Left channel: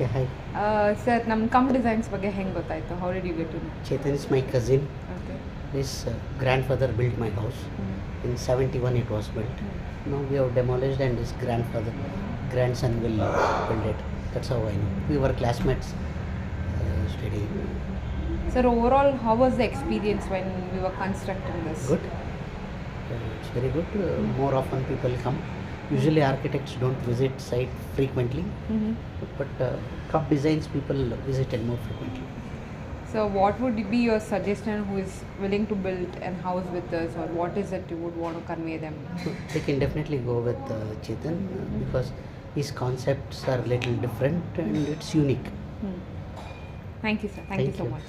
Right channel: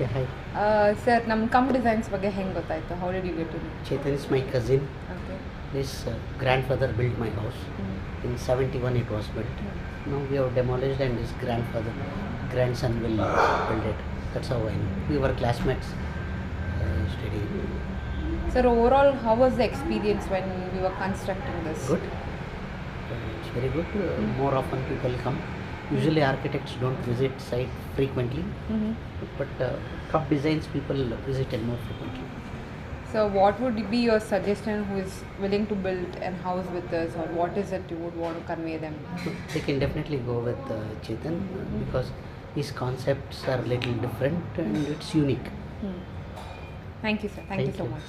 Yeah, hi. Sir, ನಮ್ಮ ಕಮ್ designs ಬಗ್ಗೆ ಹೆಂಗೆ ಗೊತ್ತಾಯಿತು? How did you get in? Chetan is my cousin. Okay. His grandfather built my house. In 71 it was built. Now we have demolished and his grandson will build it. That's how I know. We were classmates studying. Sir, overall, how was the experience when we were constructing this? Good. It's very good. More often people come. Usually architects don't visit site frequently, but Kham designs people visited more frequently. So, what would be your suggestion who is willing to build a house with us, or what is it you would want to convey them? So they can definitely go with Chetan because his concepts are a little different and it's unique. Thank you, sir. Thank you so you. much.